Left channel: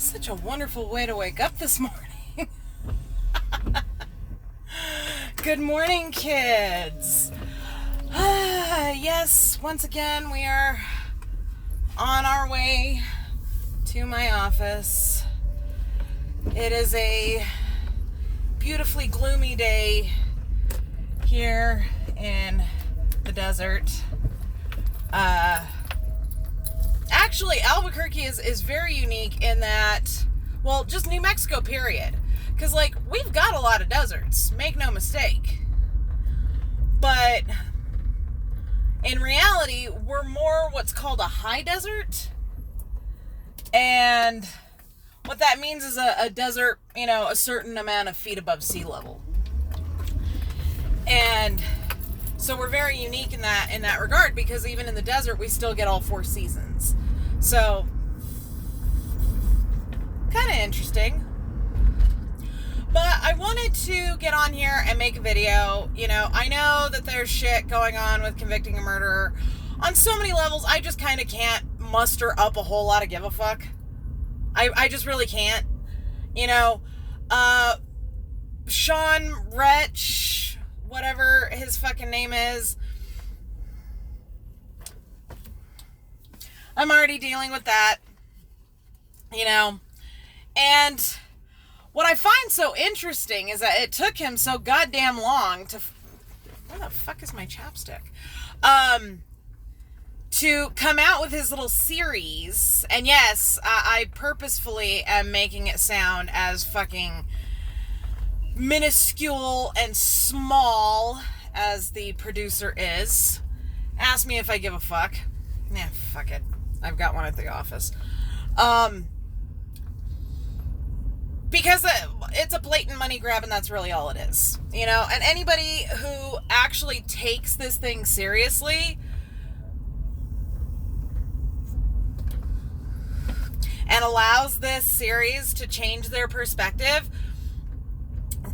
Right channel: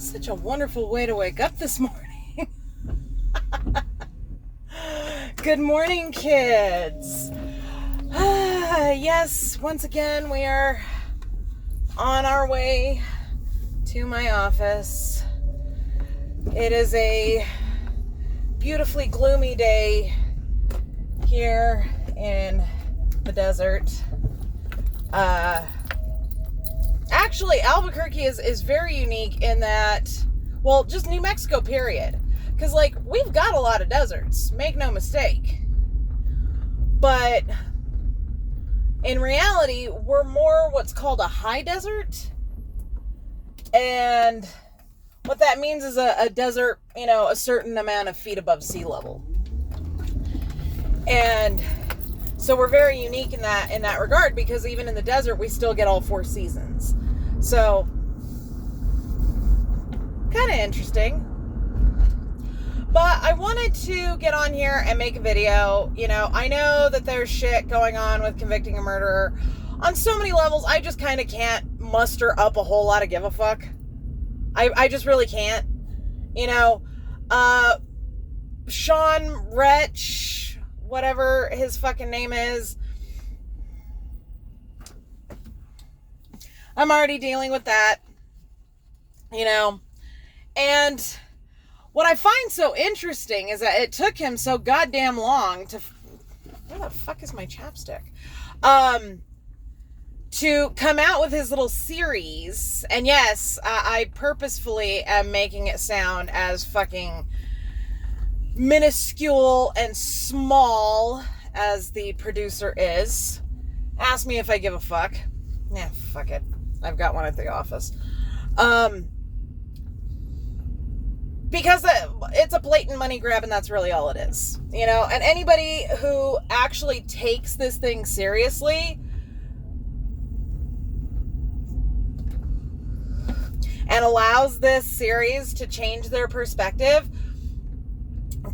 Such a wonderful way to wake up this morning. Good morning, kids. Yes, once again, we are on our way to my office. It is a beautifully gloomy day here in the desert. Actually, Albuquerque is very unique in that, well, just New Mexico, period. Because, like, we've got a lot of deserts, make no mistake. But in reality, we're more what's called a high desert. And what that means is a desert, a certain amount of feet above sea level. And so we're very unique in that regard, because even in the desert, we still get all 4 seasons. So, kind of interesting. But I wanted to get on here and make a video. I know that there's shit going on with convicting a murderer on so many levels. I just kind of can't muster up a whole lot of give a fuck. I just really can't. Sean Retch, whatever his fucking name is, I'm already dealing with that, and what I find so interesting is that it took him so goddamn long to, where the fuck is my chapstick, to come out with his little series. And yes, I purposefully am making it sound as fucking minuscule and small as the producer is. Ask me if I give a fuck. Nah, fuck it. I've got one at the office. Because it's a blatant money grab, and that's really all it is. And anybody who actually takes this thing seriously and allows this series to change their perspective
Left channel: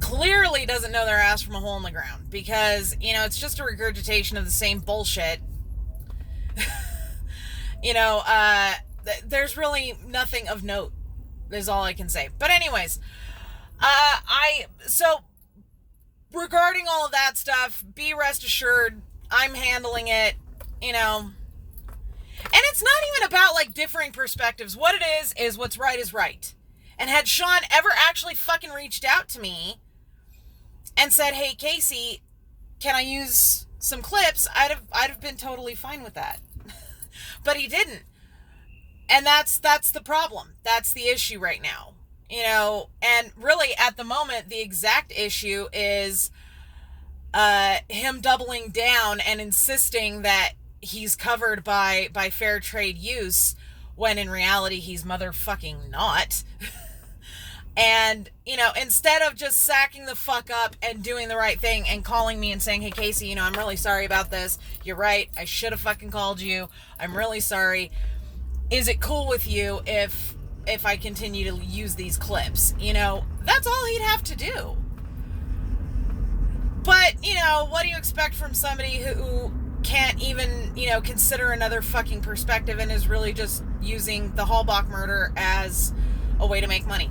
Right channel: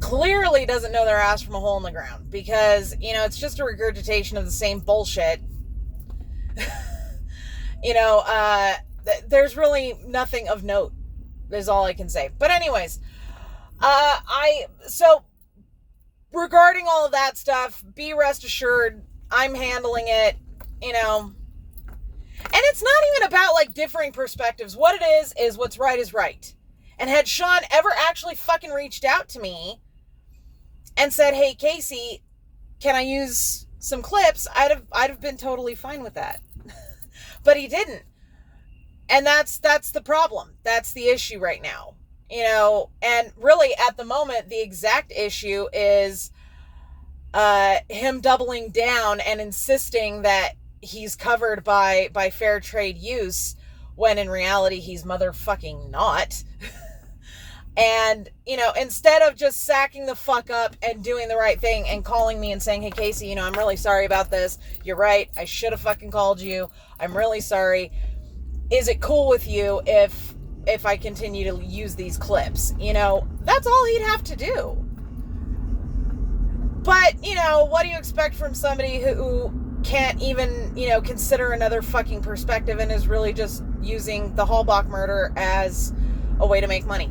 clearly doesn't know their ass from a hole in the ground, because, it's just a regurgitation of the same bullshit. There's really nothing of note, is all I can say. But anyways, so regarding all of that stuff, be rest assured, I'm handling it, and it's not even about, like, differing perspectives. What it is what's right is right. And had Sean ever actually fucking reached out to me and said, hey, Casey, can I use some clips? I'd have been totally fine with that. But he didn't. And that's the problem. That's the issue right now. And really at the moment, the exact issue is him doubling down and insisting that he's covered by fair trade use, when in reality he's motherfucking not. And, instead of just sacking the fuck up and doing the right thing and calling me and saying, hey, Casey, I'm really sorry about this. You're right. I should have fucking called you. I'm really sorry. Is it cool with you if I continue to use these clips? That's all he'd have to do. But, what do you expect from somebody who can't even, consider another fucking perspective and is really just using the Halbach murder as a way to make money?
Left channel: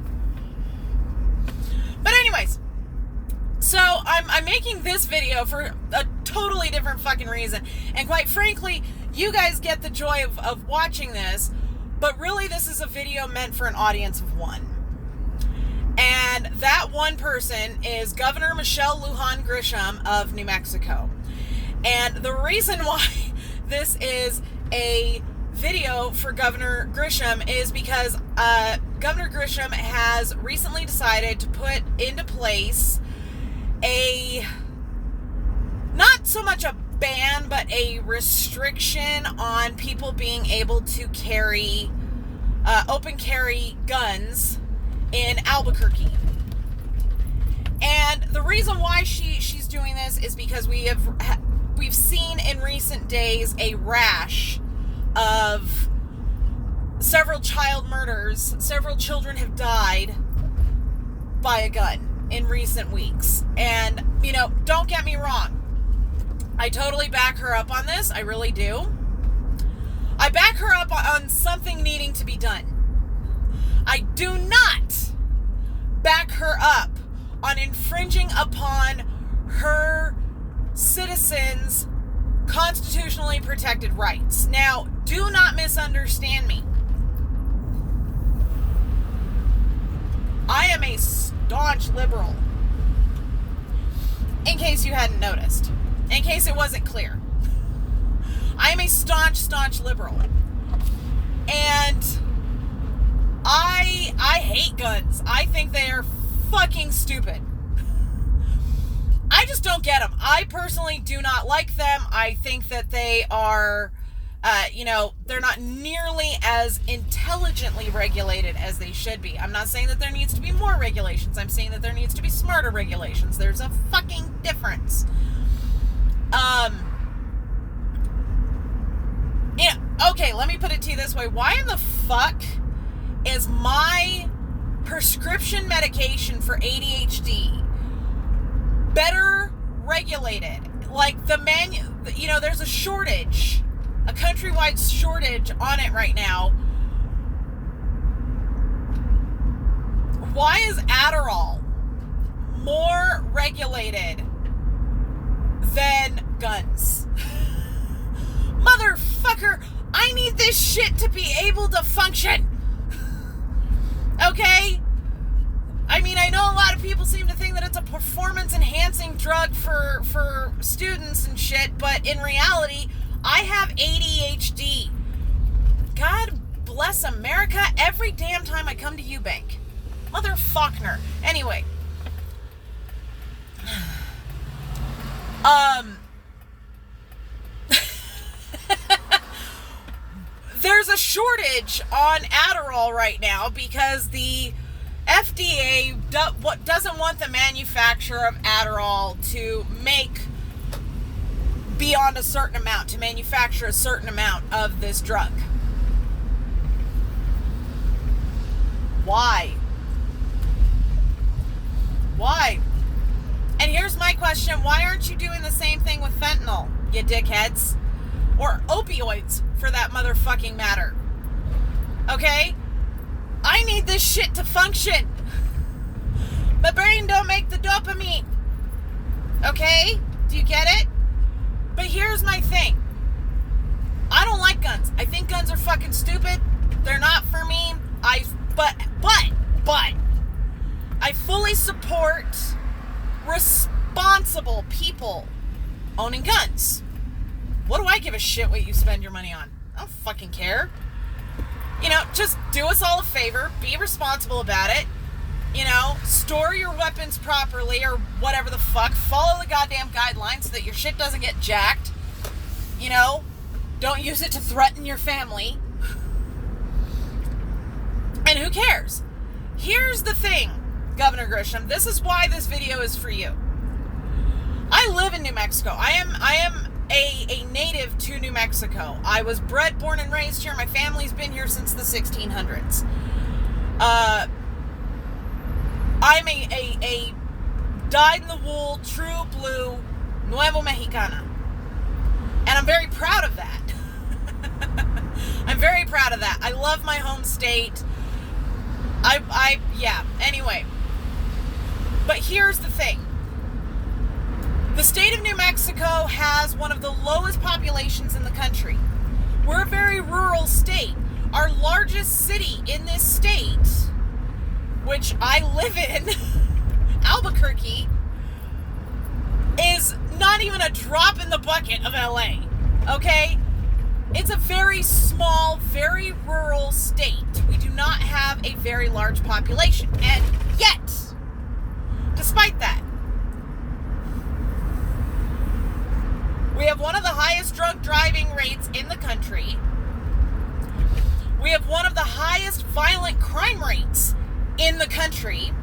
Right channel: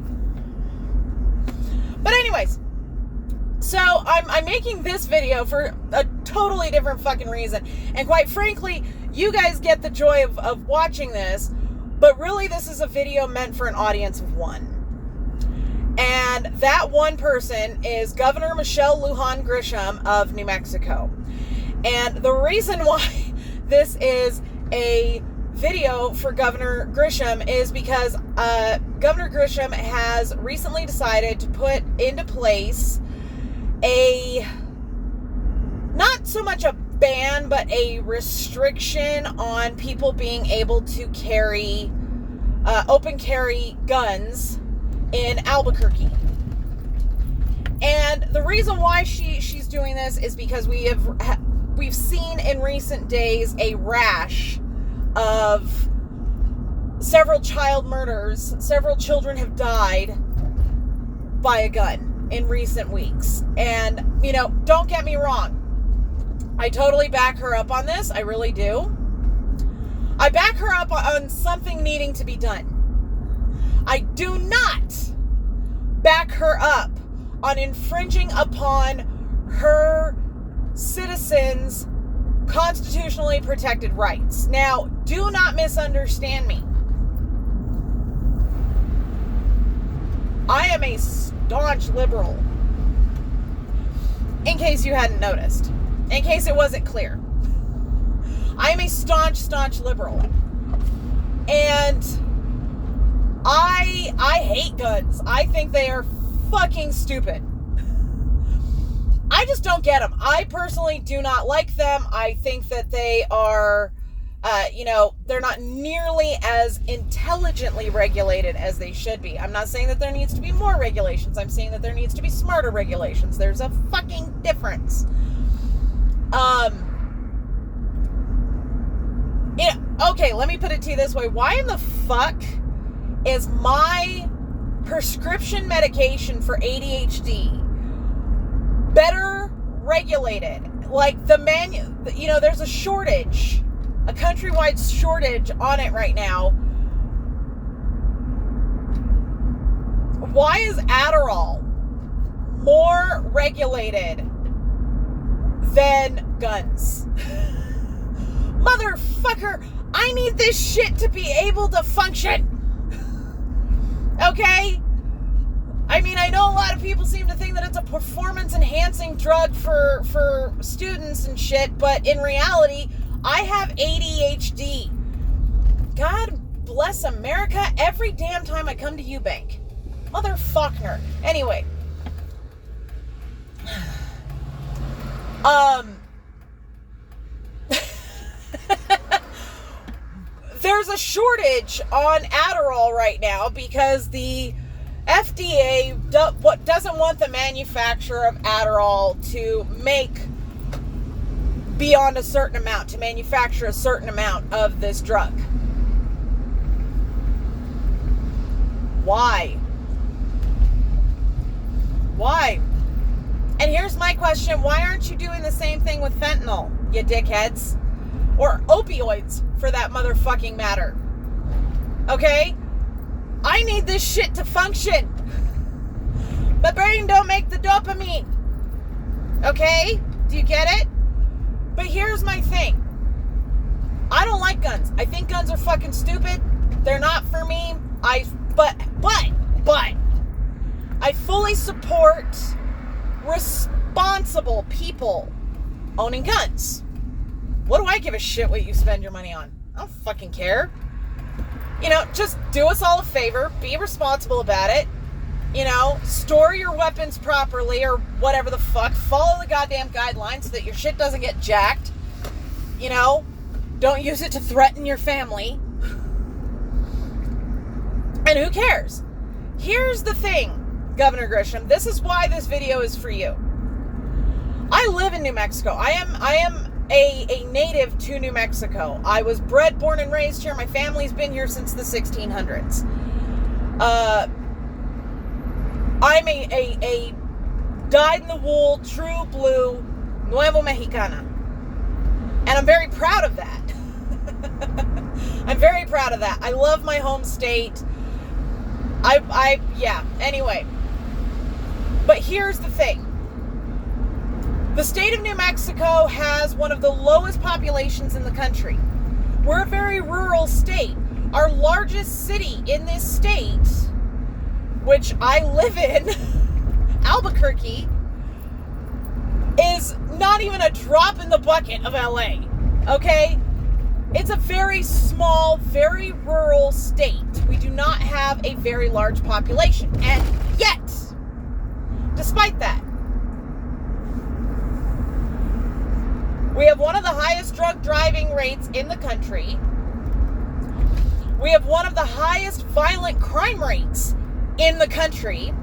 But anyways, so I'm making this video for a totally different fucking reason. And quite frankly, you guys get the joy of watching this, but really this is a video meant for an audience of one. And that one person is Governor Michelle Lujan Grisham of New Mexico. And the reason why this is a video for Governor Grisham is because Governor Grisham has recently decided to put into place not so much a ban, but a restriction on people being able to carry open carry guns in Albuquerque. And the reason why she's doing this is because we've seen in recent days a rash of several child murders. Several children have died by a gun in recent weeks. And, don't get me wrong. I totally back her up on this. I really do. I back her up on something needing to be done. I do not back her up on infringing upon her citizens' constitutionally protected rights. Now, do not misunderstand me. I am a staunch liberal. In case you hadn't noticed. In case it wasn't clear. I am a staunch liberal. And I hate guns. I think they are fucking stupid. I just don't get them. I personally do not like them. I think that they are, they're not nearly as intelligently regulated as they should be. I'm not saying that there needs to be more regulations. I'm saying that there needs to be smarter regulations. There's a fucking difference. Okay, let me put it to you this way. Why in the fuck is my prescription medication for ADHD better regulated? Like there's a shortage, a countrywide shortage on it right now. Why is Adderall more regulated than guns? Motherfucker, I need this shit to be able to function. Okay? I mean, I know a lot of people seem to think that it's a performance-enhancing drug for students and shit, but in reality, I have ADHD. God bless America every damn time I come to Eubank. Motherfucker. Anyway. There's a shortage on Adderall right now because the FDA doesn't want the manufacturer of Adderall to make beyond a certain amount, to manufacture a certain amount of this drug. Why? Why? And here's my question. Why aren't you doing the same thing with fentanyl, you dickheads? Or opioids, for that motherfucking matter. Okay? I need this shit to function. My brain don't make the dopamine. Okay? Do you get it? But here's my thing. I don't like guns. I think guns are fucking stupid. They're not for me. But I fully support responsible people owning guns. What do I give a shit what you spend your money on? I don't fucking care. Just do us all a favor. Be responsible about it. Store your weapons properly or whatever the fuck. Follow the goddamn guidelines so that your shit doesn't get jacked. Don't use it to threaten your family. And who cares? Here's the thing, Governor Grisham. This is why this video is for you. I live in New Mexico. I am a native to New Mexico. I was bred, born, and raised here. My family's been here since the 1600s. I'm a dyed-in-the-wool, true blue, Nuevo Mexicana. And I'm very proud of that. I'm very proud of that. I love my home state. Anyway. But here's the thing. The state of New Mexico has one of the lowest populations in the country. We're a very rural state. Our largest city in this state, which I live in, Albuquerque, is not even a drop in the bucket of LA. Okay? It's a very small, very rural state. We do not have a very large population. And yet, despite that, we have one of the highest drunk driving rates in the country. We have one of the highest violent crime rates in the country.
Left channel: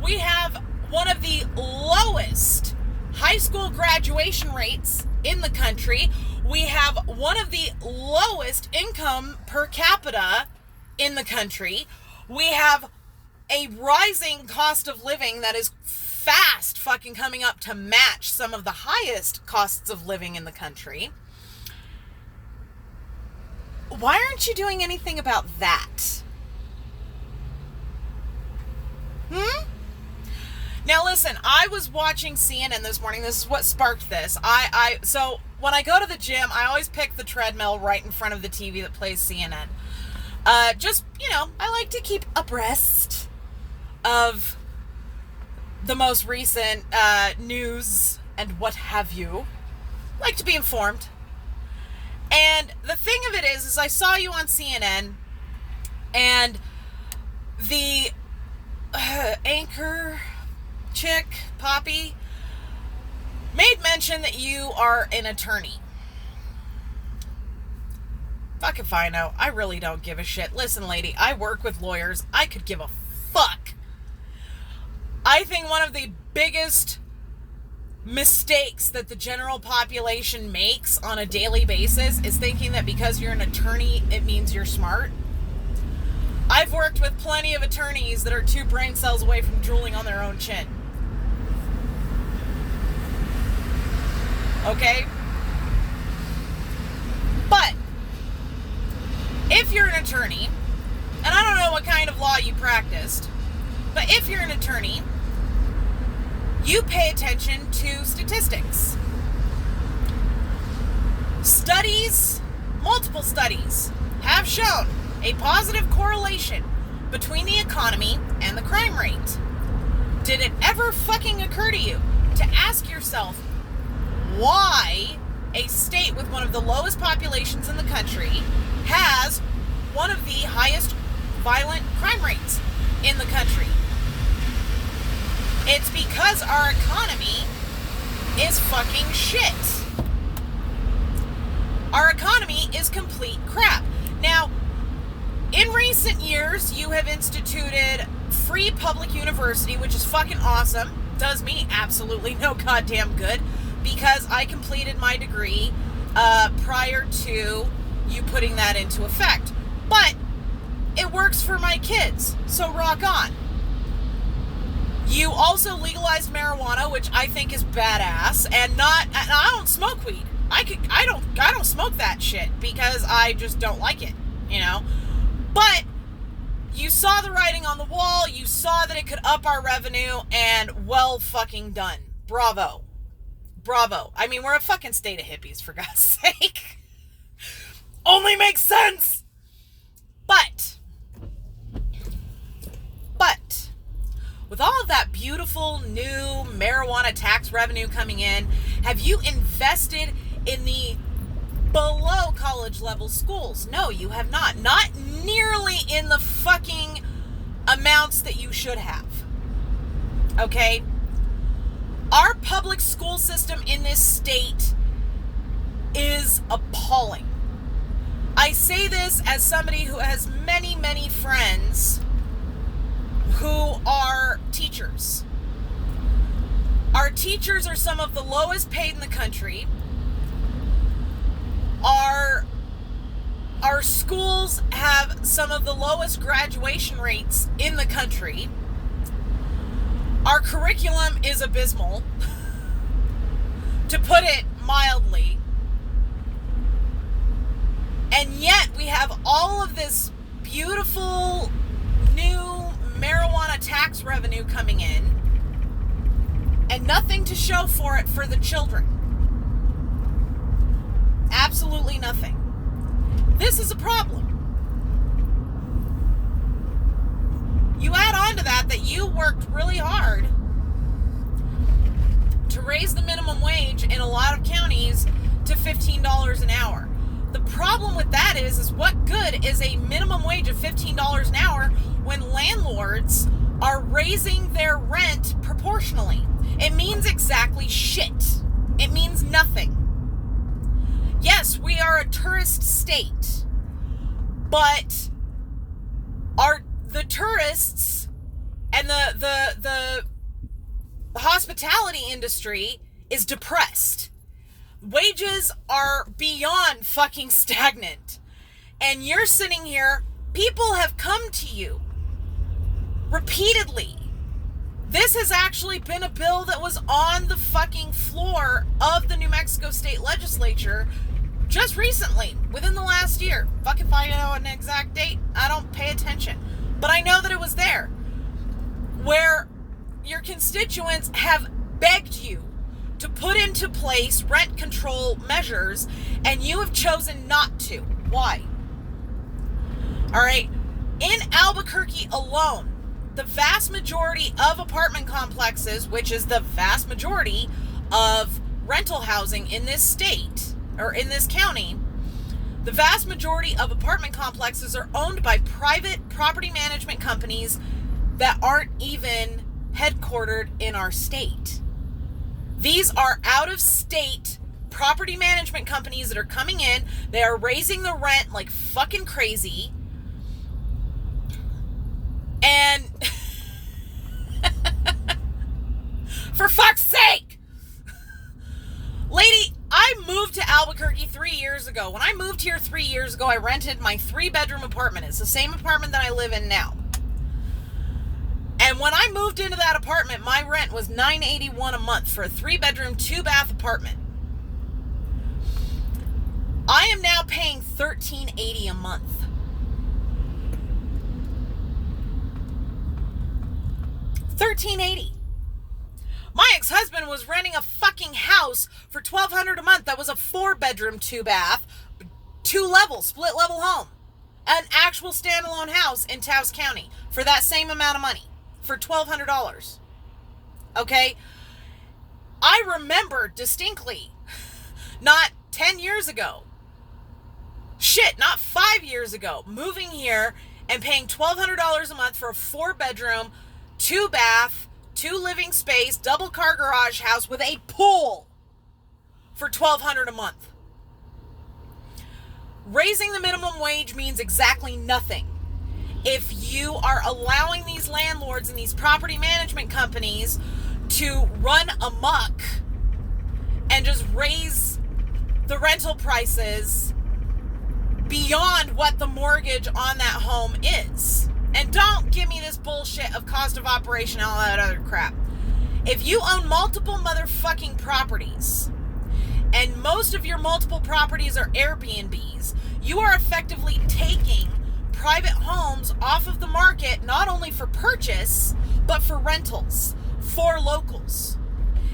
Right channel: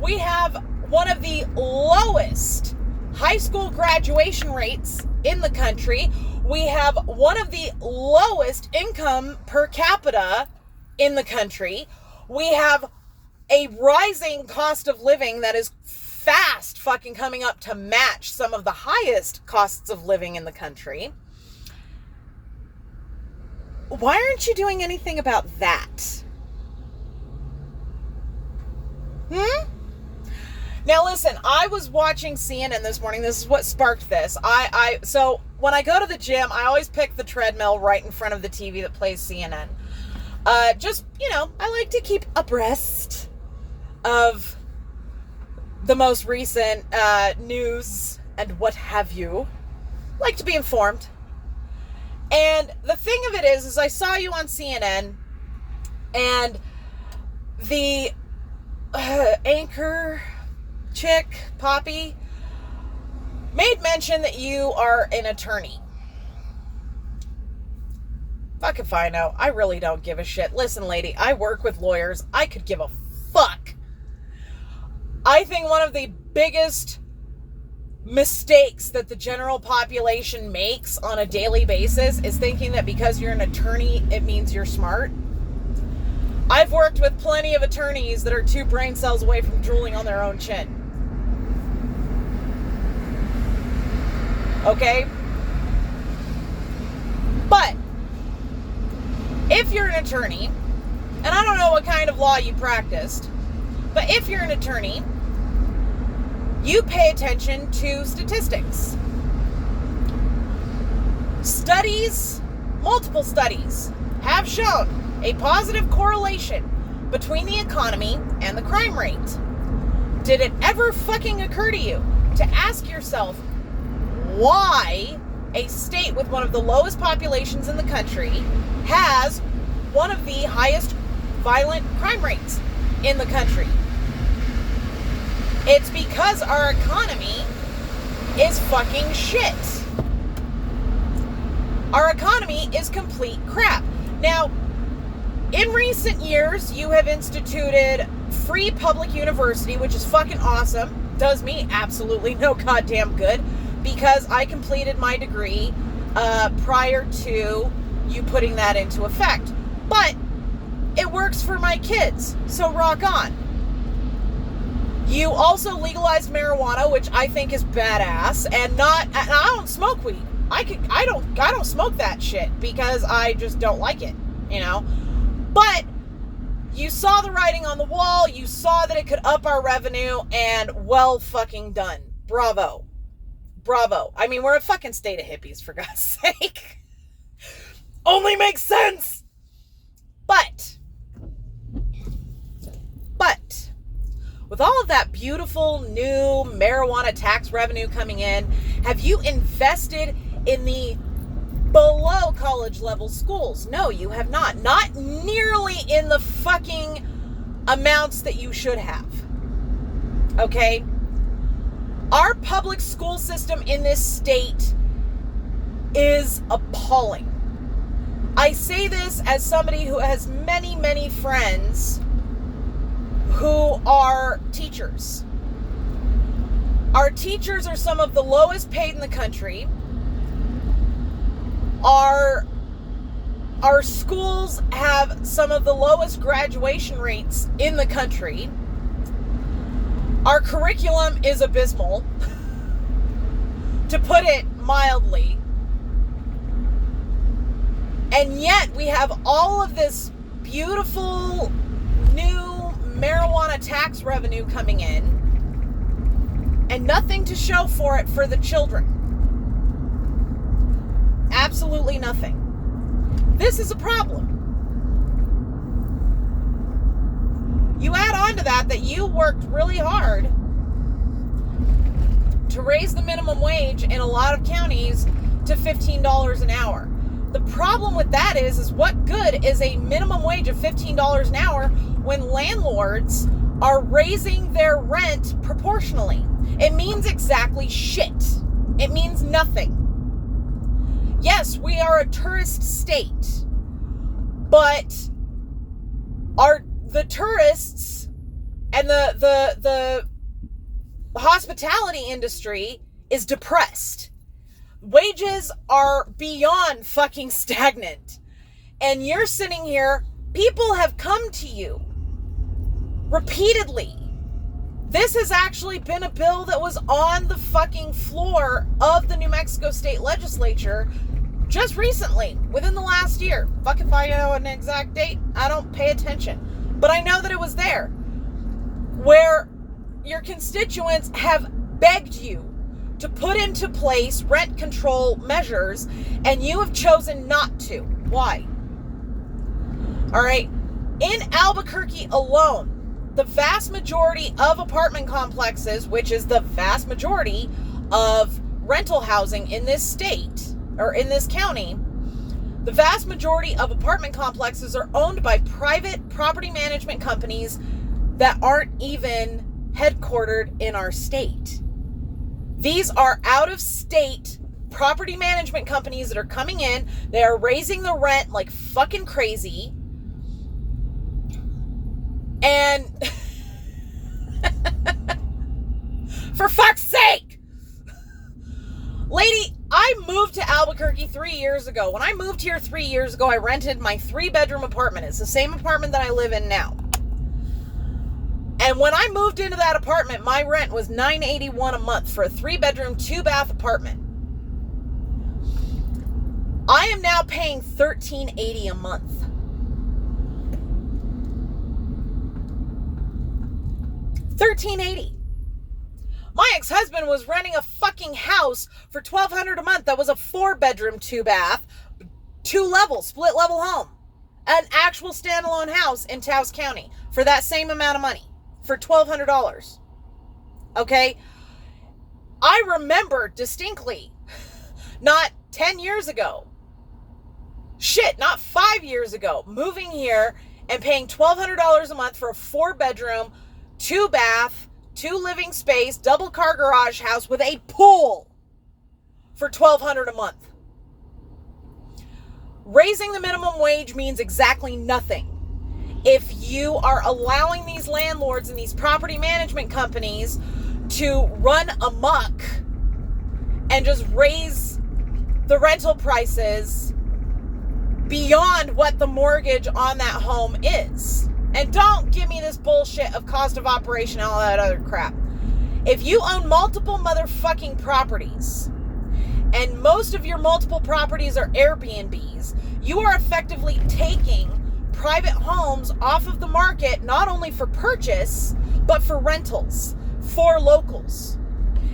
We have one of the lowest high school graduation rates in the country. We have one of the lowest income per capita in the country. We have a rising cost of living that is fast fucking coming up to match some of the highest costs of living in the country. Why aren't you doing anything about that? Now listen, I was watching CNN this morning. This is what sparked this. So when I go to the gym, I always pick the treadmill right in front of the TV that plays CNN. Just, I like to keep abreast of the most recent news and what have you. Like to be informed. And the thing of it is I saw you on CNN, and the anchor chick, Poppy, made mention that you are an attorney. Fuck if I know. I really don't give a shit. Listen, lady, I work with lawyers. I could give a fuck. I think one of the biggest mistakes that the general population makes on a daily basis is thinking that because you're an attorney, it means you're smart. I've worked with plenty of attorneys that are 2 brain cells away from drooling on their own chin. Okay? But if you're an attorney, and I don't know what kind of law you practiced, but if you're an attorney, you pay attention to statistics. Studies, multiple studies, have shown a positive correlation between the economy and the crime rate. Did it ever fucking occur to you to ask yourself why a state with one of the lowest populations in the country has one of the highest violent crime rates in the country? It's because our economy is fucking shit. Our economy is complete crap. Now, in recent years, you have instituted free public university, which is fucking awesome. Does me absolutely no goddamn good, because I completed my degree prior to you putting that into effect. But it works for my kids, so rock on. You also legalized marijuana, which I think is badass, and I don't smoke weed. I don't smoke that shit because I just don't like it, But you saw the writing on the wall, you saw that it could up our revenue, and well fucking done. Bravo. Bravo. I mean, we're a fucking state of hippies, for God's sake. Only makes sense. But with all of that beautiful new marijuana tax revenue coming in, have you invested in the below college level schools? No, you have not. Not nearly in the fucking amounts that you should have. Okay? Our public school system in this state is appalling. I say this as somebody who has many, many friends who are teachers. Our teachers are some of the lowest paid in the country. Our schools have some of the lowest graduation rates in the country. Our curriculum is abysmal, to put it mildly. And yet we have all of this beautiful new marijuana tax revenue coming in, and nothing to show for it for the children. Absolutely nothing. This is a problem. You add on to that you worked really hard to raise the minimum wage in a lot of counties to $15 an hour. The problem with that is what good is a minimum wage of $15 an hour when landlords are raising their rent proportionally? It means exactly shit. It means nothing. Yes, we are a tourist state, but the tourists and the hospitality industry is depressed. Wages are beyond fucking stagnant. And you're sitting here, people have come to you repeatedly. This has actually been a bill that was on the fucking floor of the New Mexico State Legislature just recently, within the last year. Fuck if I know an exact date, I don't pay attention. But I know that it was there. Where your constituents have begged you to put into place rent control measures, and you have chosen not to. Why? All right. In Albuquerque alone, the vast majority of apartment complexes, which is the vast majority of rental housing in this state, or in this county, the vast majority of apartment complexes are owned by private property management companies that aren't even headquartered in our state. These are out-of-state property management companies that are coming in. They are raising the rent like fucking crazy. And for fuck's sake, lady, I moved to Albuquerque 3 years ago. When I moved here 3 years ago, I rented my 3-bedroom apartment. It's the same apartment that I live in now. And when I moved into that apartment, my rent was $981 a month for a 3-bedroom, 2-bath apartment. I am now paying $1,380 a month. $1,380. My ex-husband was renting a fucking house for $1,200 a month that was a 4-bedroom, 2-bath, 2-level, split-level home. An actual standalone house in Taos County for that same amount of money, for $1,200. Okay? I remember distinctly, not 10 years ago, not 5 years ago, moving here and paying $1,200 a month for a 4-bedroom, 2-bath, 2-living space, double-car garage house with a pool for $1,200 a month. Raising the minimum wage means exactly nothing if you are allowing these landlords and these property management companies to run amok and just raise the rental prices beyond what the mortgage on that home is. And don't give me this bullshit of cost of operation and all that other crap. If you own multiple motherfucking properties, and most of your multiple properties are Airbnbs, you are effectively taking private homes off of the market, not only for purchase, but for rentals, for locals.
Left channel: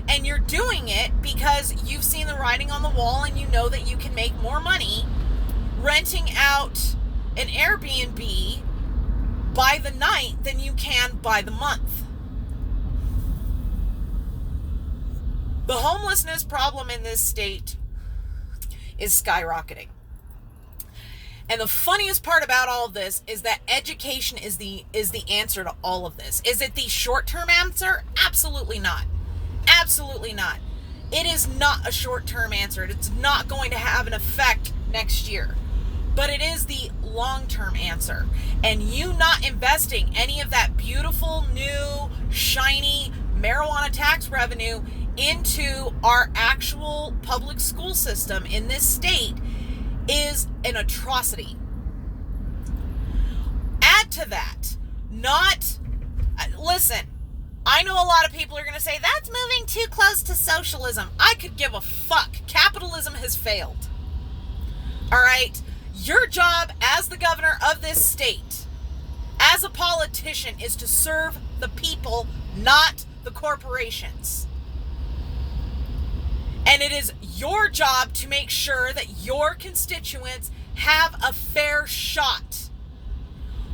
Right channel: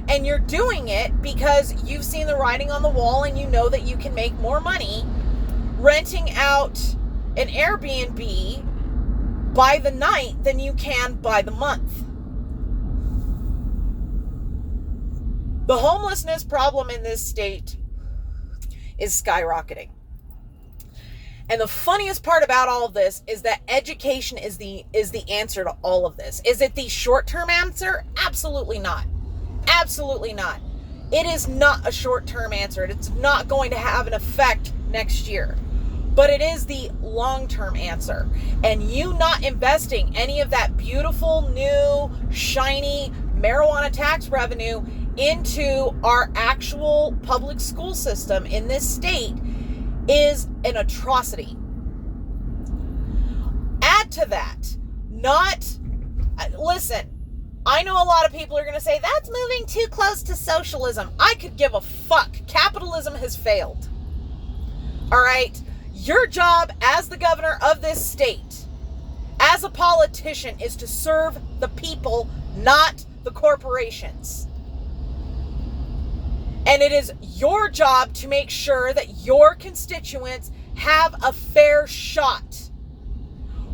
And you're doing it because you've seen the writing on the wall and you know that you can make more money renting out an Airbnb by the night than you can by the month. The homelessness problem in this state is skyrocketing. And the funniest part about all of this is that education is the answer to all of this. Is it the short-term answer? Absolutely not. Absolutely not. It is not a short-term answer. It's not going to have an effect next year. But it is the long-term answer. And you not investing any of that beautiful, new, shiny marijuana tax revenue into our actual public school system in this state is an atrocity. Add to that, listen, I know a lot of people are going to say, that's moving too close to socialism. I could give a fuck. Capitalism has failed. All right? Your job as the governor of this state, as a politician, is to serve the people, not the corporations. And it is your job to make sure that your constituents have a fair shot.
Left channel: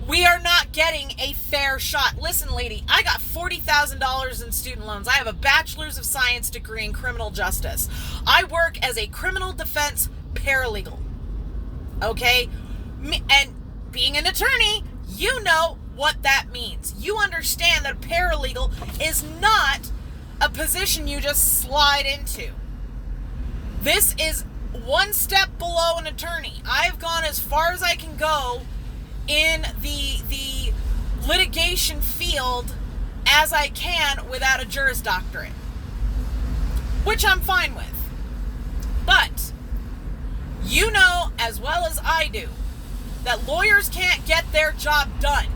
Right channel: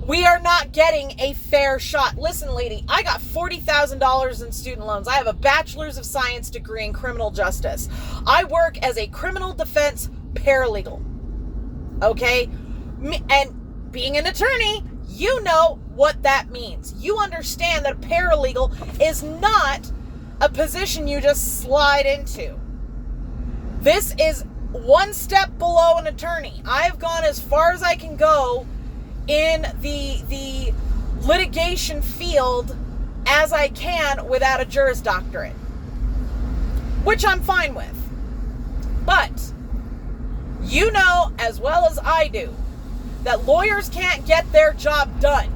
We are not getting a fair shot. Listen, lady, I got $40,000 in student loans. I have a bachelor's of science degree in criminal justice. I work as a criminal defense paralegal. Okay? And being an attorney, you know what that means. You understand that a paralegal is not a position you just slide into. This is one step below an attorney. I've gone as far as I can go in the litigation field as I can without a Juris Doctorate, which I'm fine with. But you know as well as I do that lawyers can't get their job done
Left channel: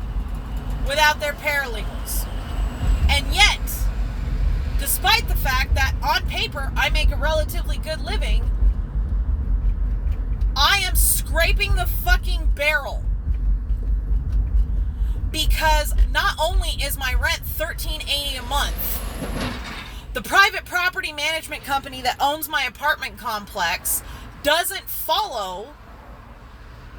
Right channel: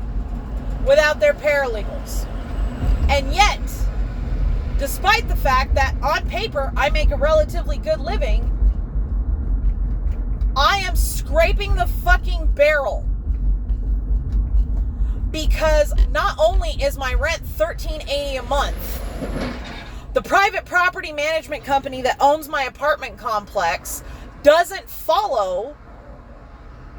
without their paralegals. And yet, despite the fact that on paper I make a relatively good living, I am scraping the fucking barrel because not only is my rent $13.80 a month, the private property management company that owns my apartment complex doesn't follow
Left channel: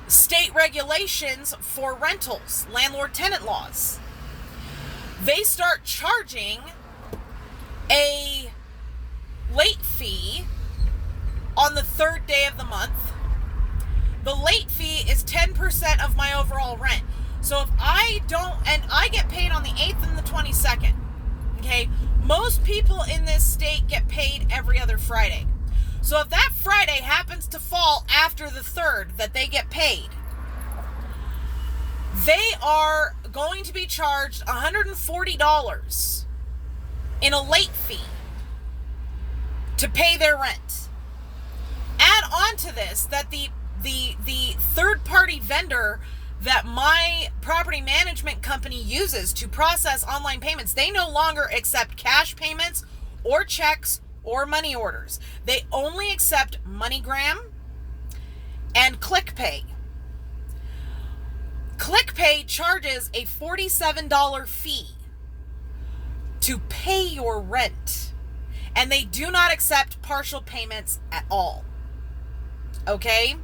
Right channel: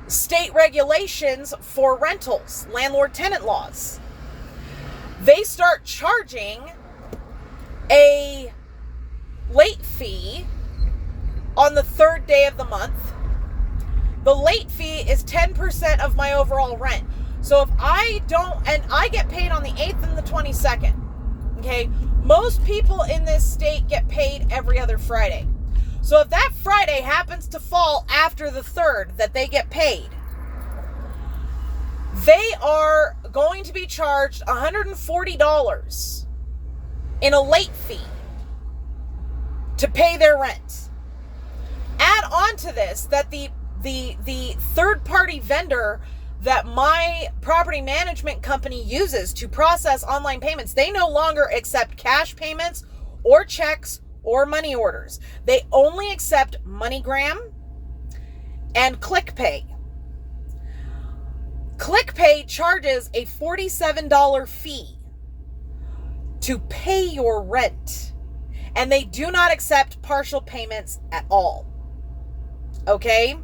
state regulations for rentals, landlord-tenant laws. They start charging a late fee on the third day of the month. The late fee is 10% of my overall rent. So if I don't, and I get paid on the 8th and the 22nd, okay? Most people in this state get paid every other Friday. So if that Friday happens to fall after the 3rd that they get paid, they are going to be charged $140 in a late fee to pay their rent. Add on to this that the third-party vendor that my property management company uses to process online payments, they no longer accept cash payments or checks or money orders. They only accept MoneyGram and ClickPay. ClickPay charges a $47 fee to pay your rent, and they do not accept partial payments at all. Okay?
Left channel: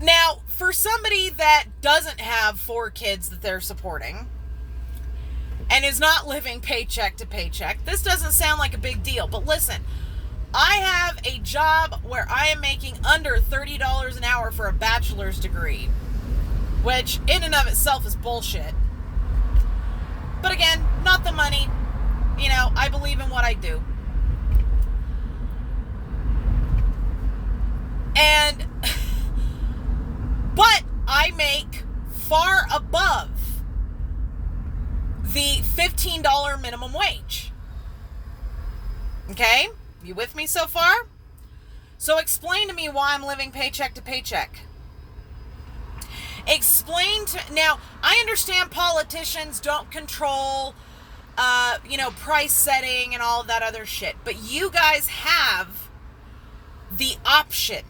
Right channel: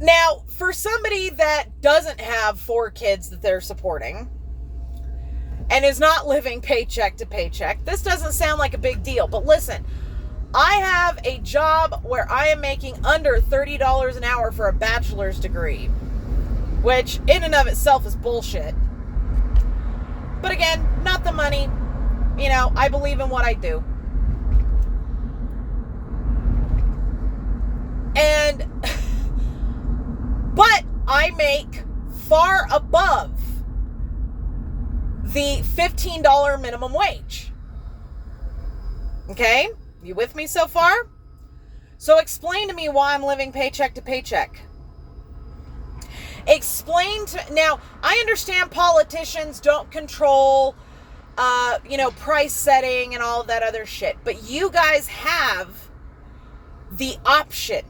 Now, for somebody that doesn't have 4 kids that they're supporting and is not living paycheck to paycheck, this doesn't sound like a big deal. But listen, I have a job where I am making under $30 an hour for a bachelor's degree, which in and of itself is bullshit. But again, not the money. You know, I believe in what I do. And but I make far above the $15 minimum wage. Okay? You with me so far? So explain to me why I'm living paycheck to paycheck. Now, I understand politicians don't control, price setting and all of that other shit. But you guys have the option.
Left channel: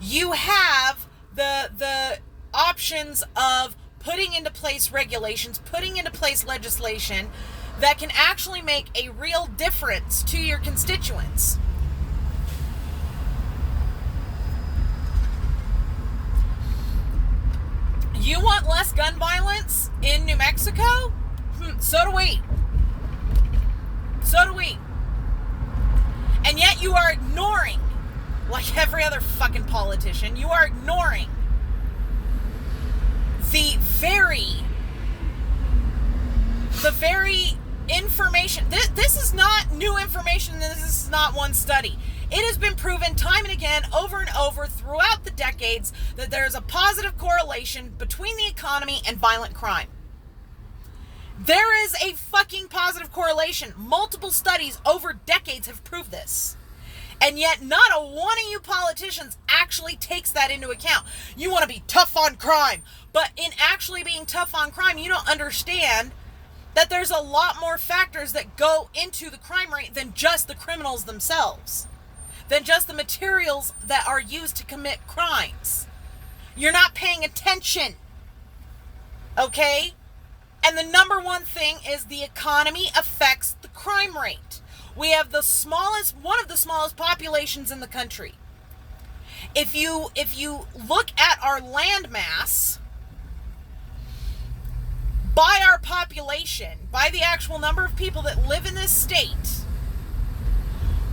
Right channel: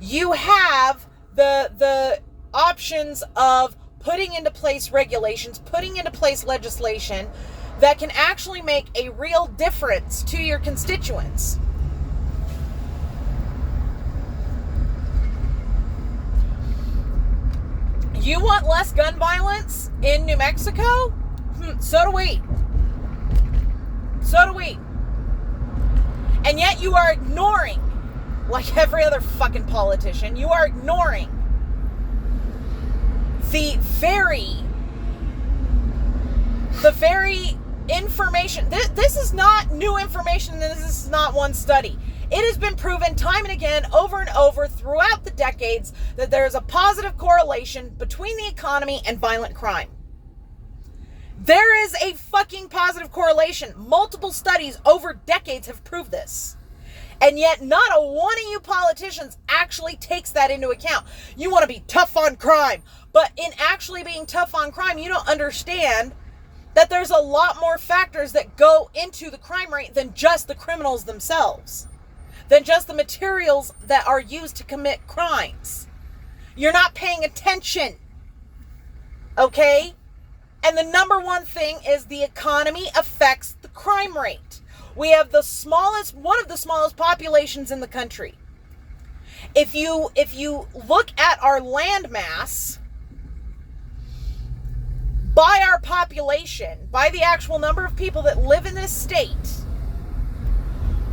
You have the options of putting into place regulations, putting into place legislation that can actually make a real difference to your constituents. You want less gun violence in New Mexico? So do we. So do we. And yet you are ignoring, like every other fucking politician, you are ignoring the very information. This is not new information. This is not one study. It has been proven time and again, over and over, throughout the decades, that there is a positive correlation between the economy and violent crime. There is a fucking positive correlation. Multiple studies over decades have proved this. And yet not a one of you politicians actually takes that into account. You want to be tough on crime. But in actually being tough on crime, you don't understand that there's a lot more factors that go into the crime rate than just the criminals themselves. Than just the materials that are used to commit crimes. You're not paying attention. Okay? And the number one thing is the economy affects the crime rate. We have one of the smallest populations in the country. If you look at our land mass, by our population, by the actual number of people that live in this state,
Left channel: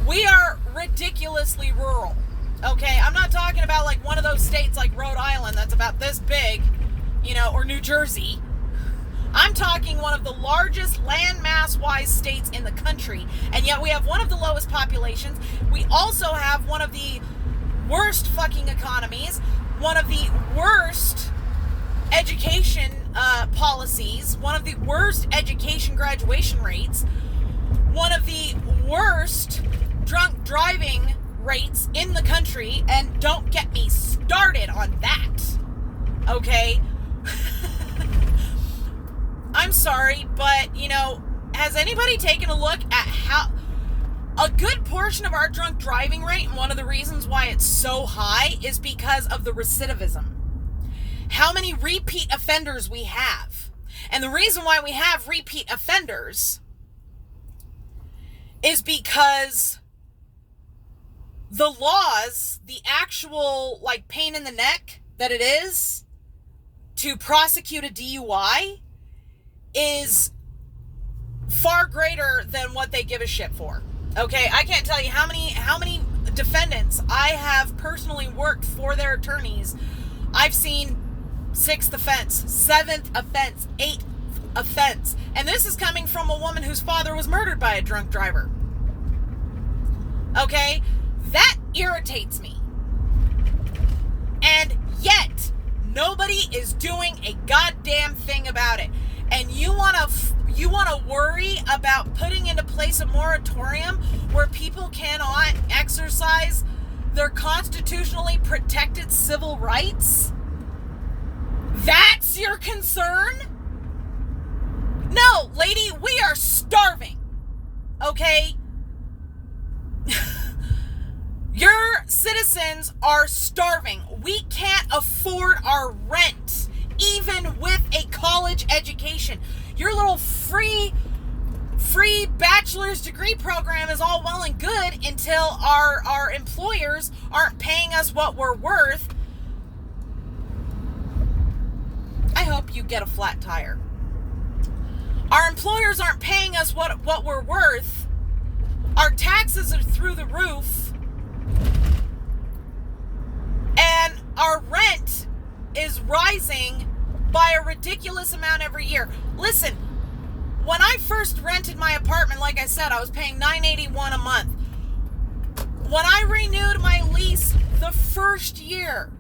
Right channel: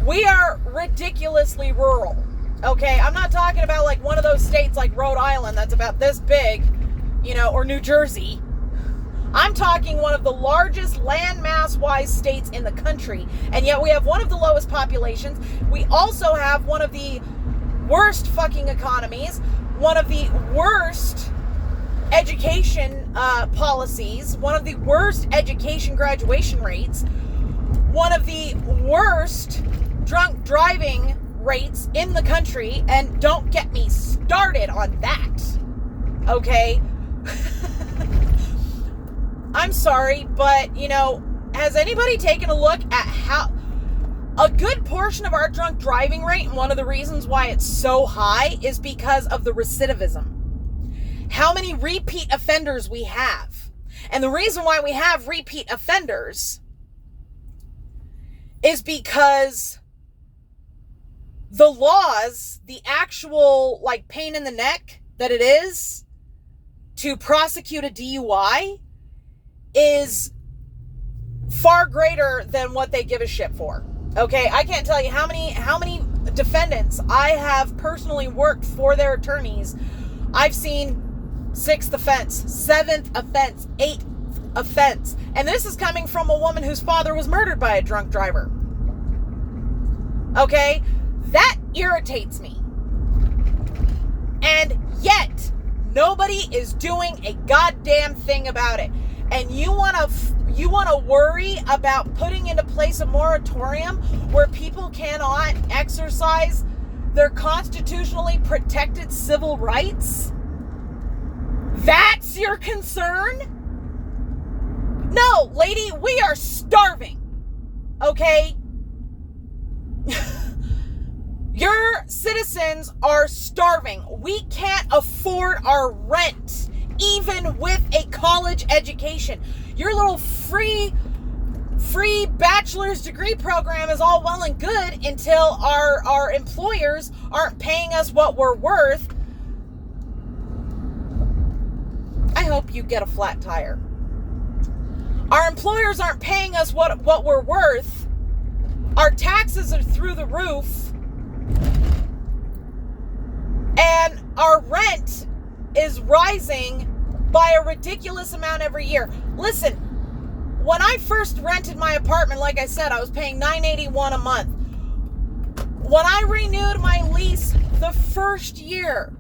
we are ridiculously rural. Okay, I'm not talking about like one of those states like Rhode Island that's about this big, or New Jersey. I'm talking one of the largest landmass-wise states in the country, and yet we have one of the lowest populations. We also have one of the worst fucking economies, one of the worst education policies, one of the worst education graduation rates, one of the worst drunk driving rates in the country, and don't get me started on that, okay? I'm sorry, but, has anybody taken a look at A good portion of our drunk driving rate, and one of the reasons why it's so high, is because of the recidivism. How many repeat offenders we have. And the reason why we have repeat offenders is because the laws, the actual like pain in the neck that it is to prosecute a DUI is far greater than what they give a shit for. Okay, I can't tell you how many defendants I have personally worked for their attorneys. I've seen 6th offense, 7th offense, 8th offense. And this is coming from a woman whose father was murdered by a drunk driver. Okay? That irritates me. And yet, nobody is doing a goddamn thing about it. And you want to worry about putting into place a moratorium where people cannot exercise their constitutionally protected civil rights? That's your concern? No, lady, we are starving. Okay? Your citizens are starving. We can't afford our rent, even with a college education. Your little free bachelor's degree program is all well and good until our employers aren't paying us what we're worth. I hope you get a flat tire. Our employers aren't paying us what we're worth. Our taxes are through the roof. And our rent is rising by a ridiculous amount every year. Listen, when I first rented my apartment, like I said, I was paying $9.81 a month. When I renewed my lease the first year,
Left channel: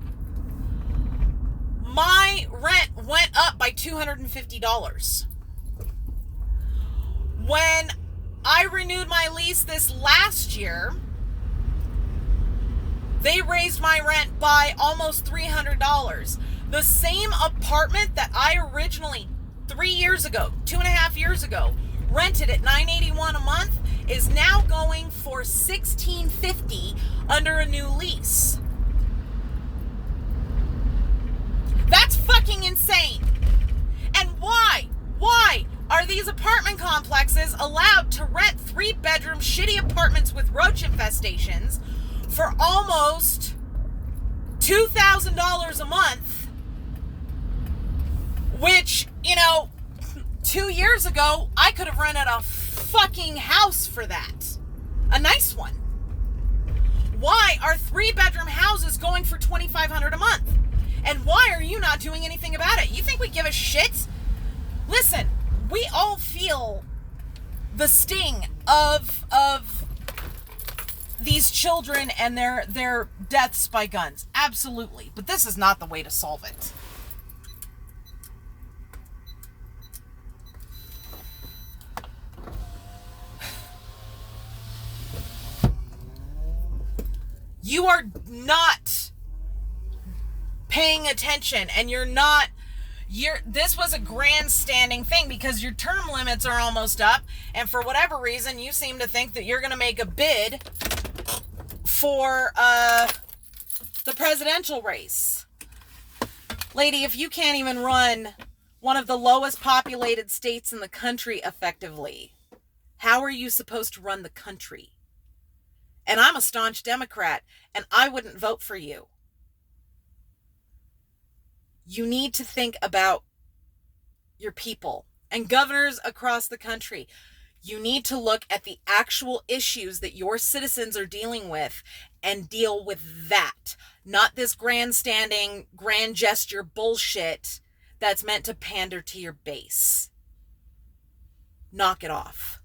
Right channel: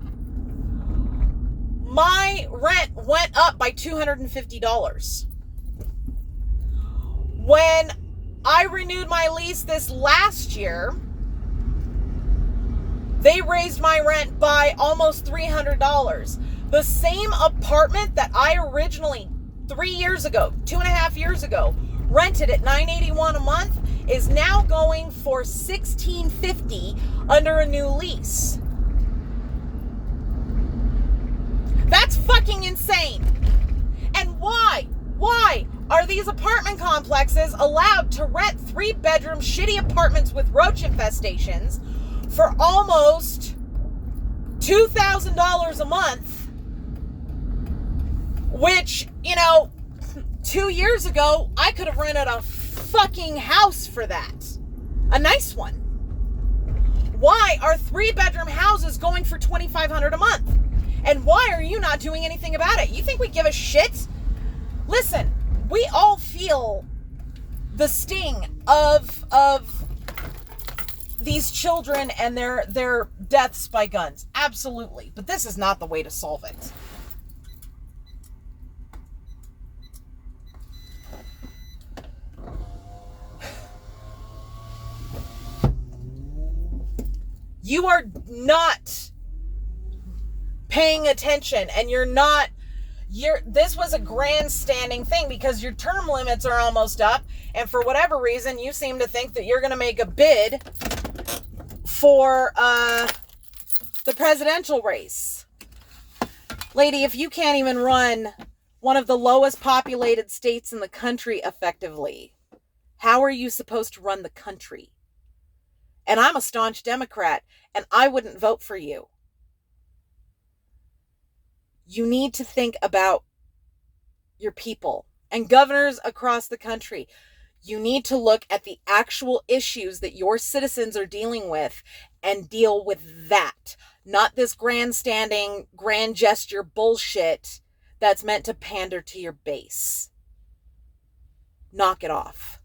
my rent went up by $250. When I renewed my lease this last year, they raised my rent by almost $300. The same apartment that I originally 3 years ago, 2.5 years ago, rented at $9.81 a month is now going for $1,650 under a new lease. That's fucking insane. And why? Why are these apartment complexes allowed to rent 3-bedroom shitty apartments with roach infestations for almost $2,000 a month? Which, 2 years ago, I could have rented a fucking house for that. A nice one. Why are 3-bedroom houses going for $2,500 a month? And why are you not doing anything about it? You think we give a shit? Listen, we all feel the sting of these children and their deaths by guns. Absolutely. But this is not the way to solve it. You are not paying attention, and this was a grandstanding thing because your term limits are almost up, and for whatever reason you seem to think that you're going to make a bid for the presidential race. Lady, if you can't even run one of the lowest populated states in the country effectively, how are you supposed to run the country? And I'm a staunch Democrat, and I wouldn't vote for you. You need to think about your people and governors across the country. You need to look at the actual issues that your citizens are dealing with and deal with that. Not this grandstanding, grand gesture bullshit that's meant to pander to your base. Knock it off.